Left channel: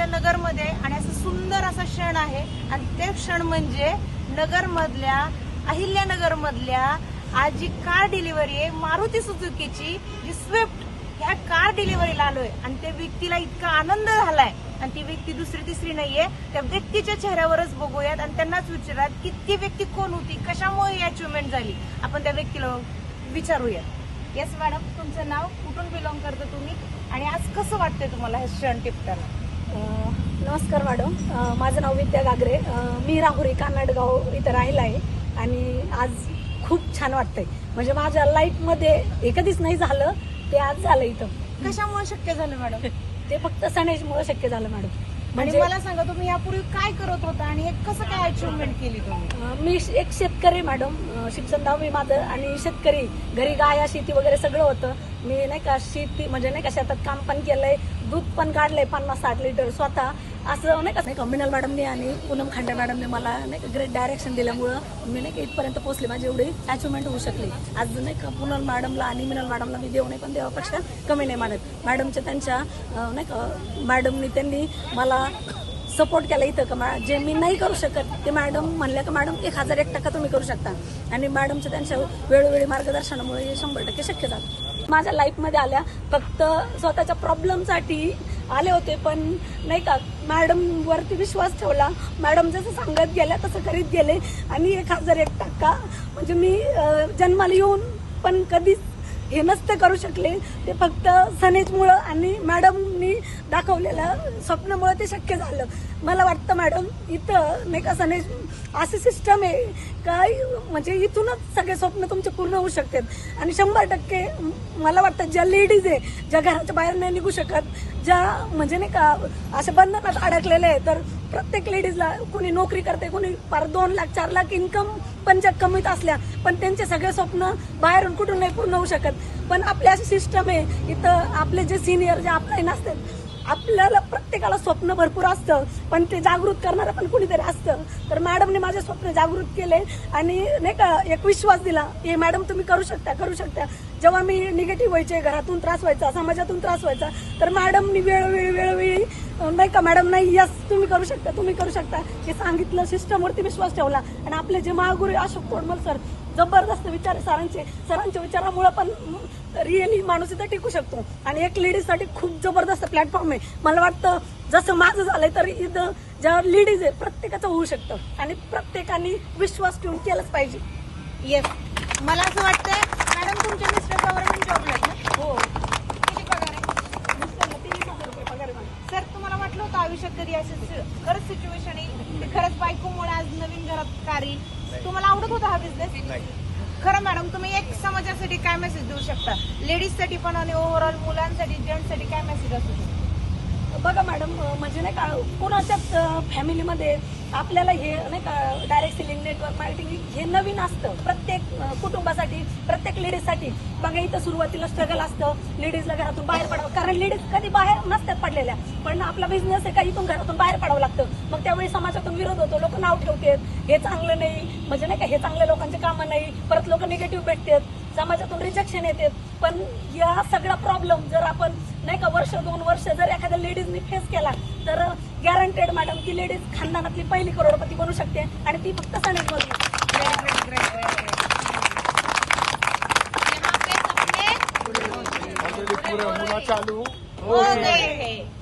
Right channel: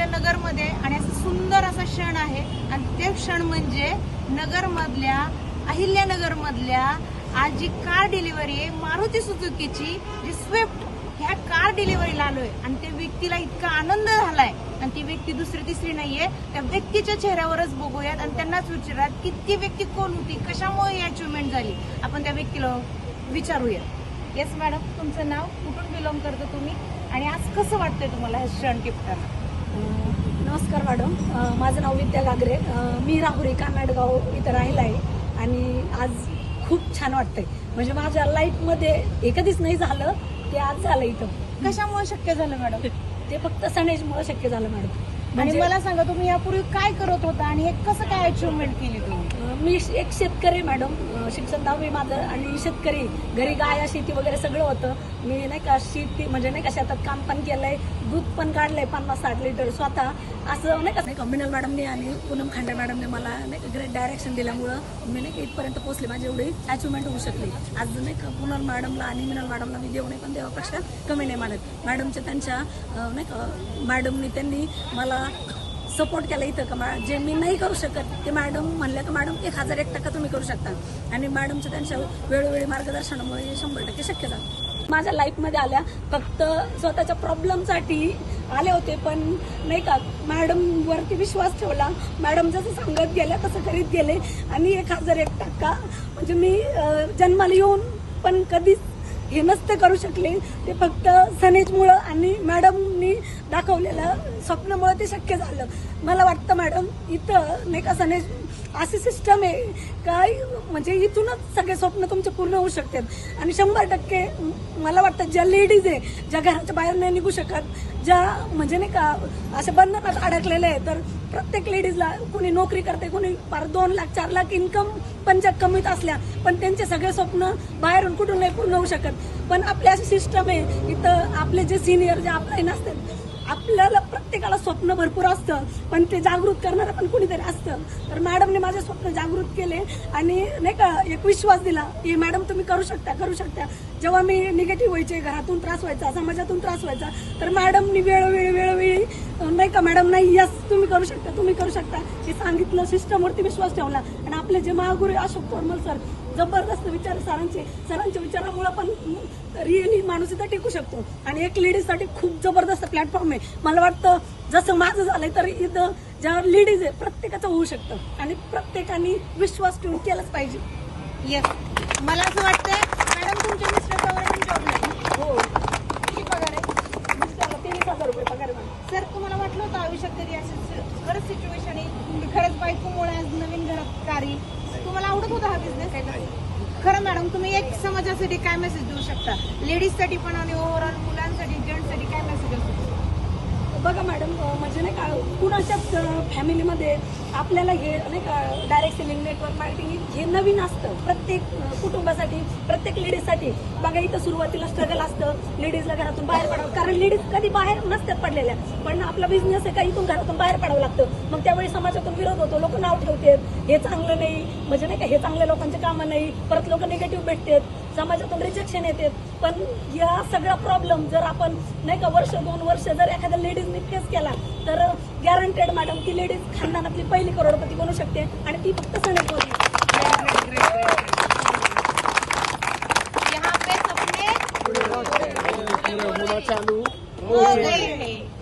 त्या नगरमध्ये आणि असं सुंदर असा क्षण आहे. आणि ते क्षण म्हणजे नगरमधल्या अहिल्यानगरमधल्या आज जी कार डिलिव्हरी आहे मारुती सुझुकीची जी स्विफ्ट ह्या कार डिलिव्हरीला आलोय. आणि त्या व्यक्तीला इतका आनंद झालाय. आणि ती व्यक्ती दुसरी तिसरी नाहीये. त्या व्यक्तीच्या चेहऱ्यावरच बघूयात आणि त्यांनाच विचारात की ती व्यक्ती कोण होती कशामुळे ही अचिव्हमेंट झाली? आपण त्या व्यक्तीला विचारूयात. येस मॅडम तुमचं नाव कुठून बिलॉंग करता तुम्ही? आणि आज कसं वाटतंय तुम्हाला ह्या क्षण टिपताना? नमस्कार मॅडम. माझं नाव विद्या गागरे. मी राहुरी कानाडगाव इथं राहिला आहे आणि आज खूप छान वाटतंय. म्हणजे माझ्या लाईफमध्ये हे कधीच नाही झालं ते आज झालं इथं. कशामुळे शक्य झालं मॅडम? ते फक्त सनेजमुळे शक्य झालं मॅडम. आणि म्हणजे मला सांगा तुम्ही यापूर्वी काय करत होता आणि हे कसं काय अचिव्हमेंट केली तुम्ही? मी एक शेतकरी मॅडम शिक्षण दहावी माझं आणि शेतकरी घरी गाया शेती वगैरे सगळं होतं. मी नाही का शेती म्हणजे नाही का शेतात काम पण केलंय दूध पण काढलंय पन्नास साठ लिटर स्वतः. असं नाही का नाही का मिनल मॅडमने आणि पूनम खांडे मॅडमने मला नाही का ग्रेट डायरेक्शन दिल्यामुळं मी नाही का इथपर्यंत पोहोचले. माझी एवढी अचिव्हमेंट होऊ शकली. आज नाही का पूनम मॅडमला आणि मिनल मॅडमला मी देऊ नये पण देवापेक्षा कमी नाही मानत. मॅडमच्या त्यांच्या नाही का मॅडमनी त्यांनी मला सपोर्ट केला इथं का मा- जे मी नाही करू शकत ते मॅडम म्हणल्या का मॅडम एक हजार एक टक्का तुम्ही करू शकता. आणि मॅडमच्या त्यांच्या वेळोवेळी मार्गदर्शनामुळे हे शंभर टक्के शक्य झालं. माझ्या लाईफमध्ये आल्या फक्त स्वतःच्या प्रॉब्लेमसाठी आले होते पण नाही का मॅडम वरती विश्वास ठेवला. मॅडम जसं सांगत गेल्या तसं करीत गेले. आणि एक हजार एक टक्का म्हणजे मी जन्माला येऊन पण कधीच हे नसते करू शकले. ते फक्त सनेजमुळं आणि मॅडमनी दाखवलेलं स्वप्नामुळं ते शक्य झालं. मला वाटतं मॅडम इथं नाही का सनेज अशी सिस्टम आहे. काय म्हणजे इथूनच सगळे स्वप्न तुमचे पूर्ण होऊ शकतात. आणि शंभर टक्के मला वाटतं ज्या लेडीज आहे ज्या घराच्या बाहेर नाही निघू शकत ज्या म्हणजे नाही का अशा बंधनात अडकलेले आहे तर प्रत्येक लेडीजला कोणी नोकरी करते कोणी पार दोन लाख चार लाख इन्कम पण ज्या कमीत असल्या पण त्यांचे सगळे स्वप्न बाहेरून कुठून नाही पूर्ण होऊ शकत. पण आपली अशी सिस्टम आहे इथं आपले जे सिनियर जे आपले नसतात आपल्याला प्रत्येकाला स्वप्न भरपूर असतं पण ते जागृत करणारं पण कुणीतरी असतं. तर मॅडमने माझे स्वप्न जागृत केले आणि नाही का एक विश्वास दिला की मॅडम तुम्ही करू शकता करू शकता. जेव्हा मी निगेटिव्ह व्हायचे घरातून त्रास व्हायचा समाजातून त्रास व्हायचा तर मॅडमनी वेळोवेळी वेळोवेळी का मॅडम नाही? यस तुम्ही करू शकता तुम्ही करू शकता. हे सांगितलं सिस्टमवरती विश्वास ठेवला. आणि आपले जे महागुरू अशोक तोडमल सर जबरदस्त विचार सरांचे. सरांच्या विचारामुळे पण रिअली माणूस इथं टिकू शकतो. आणि एक लेडीजसाठी खूप जबरदस्त प्लॅटफॉर्म आहे. मला वाटतं जसं माझं झालंय तर इथं ज्या लेडीज आहे प्रत्येकाचं होऊ शकतं. आणि प्रत्येकाने विश्वास ठेवून केलंच पाहिजे. येस मला असं वाटतंय मॅडम तुमच्या मिस्टर गव्हर्नमेंट जॉबला आहेत ना? हो किती पगार आहे तीस हजार रुपये पगार आहे मला. सर तुम्हाला वाटलं होतं आयुष्यात कधी अशी खरंच सिच्युएशन येईल की खरंच बायकोमुळे आज नवीन घरात कारी? तुम्हाला आवडत होता हा बिझनेस खरं मॅडम तुम्ही एक समाजासाठी काय मेसेज देऊ शकता? लेडीजसाठी पण आणि ओव्हरऑल मुलांसाठी जेंट्ससाठी काय मेसेज असू बघा मॅडम म्हणजे नाही का कुणाच्याच फॅमिलीमध्ये आपल्याला हे नाही का डायरेक्ट सेलिंग नेटवर्क मार्केटिंग हे नवीन असतं. प्रत्येक कुटुंबासाठी प्रत्येक लेडीजसाठी बघा इथं सुरुवातीला स्ट्रगल असतं. लेडीजला घरातून बाहेर पडावं कारण लेडीज कधी बाहेर नसतात पडलेल्या. पण आपला बिझनेस आहे का इथून घरातून बाहेर पडावं लागतं. मग त्यावेळी समाजातून विरोध होतो. लोक नाव ठेवतात. हे चांगलं नाही. म्हणजे नाही का हे चांगल्या लोकांचे कामं नाही. परत लोक निगेटिव्ह भेटतात. समाजातून रिजेक्शन येतात. पण या सगळा प्रॉब्लेम जर आपण नाही का वर्ष दोन वर्ष जर एखाद्या लेडीजनी फेस केला तर गॅरंटेड मॅडम ती लेडीज खानदानातली पहिली करोडपती बनू शकते आणि ती फक्त पूरा होना चालू हो हैं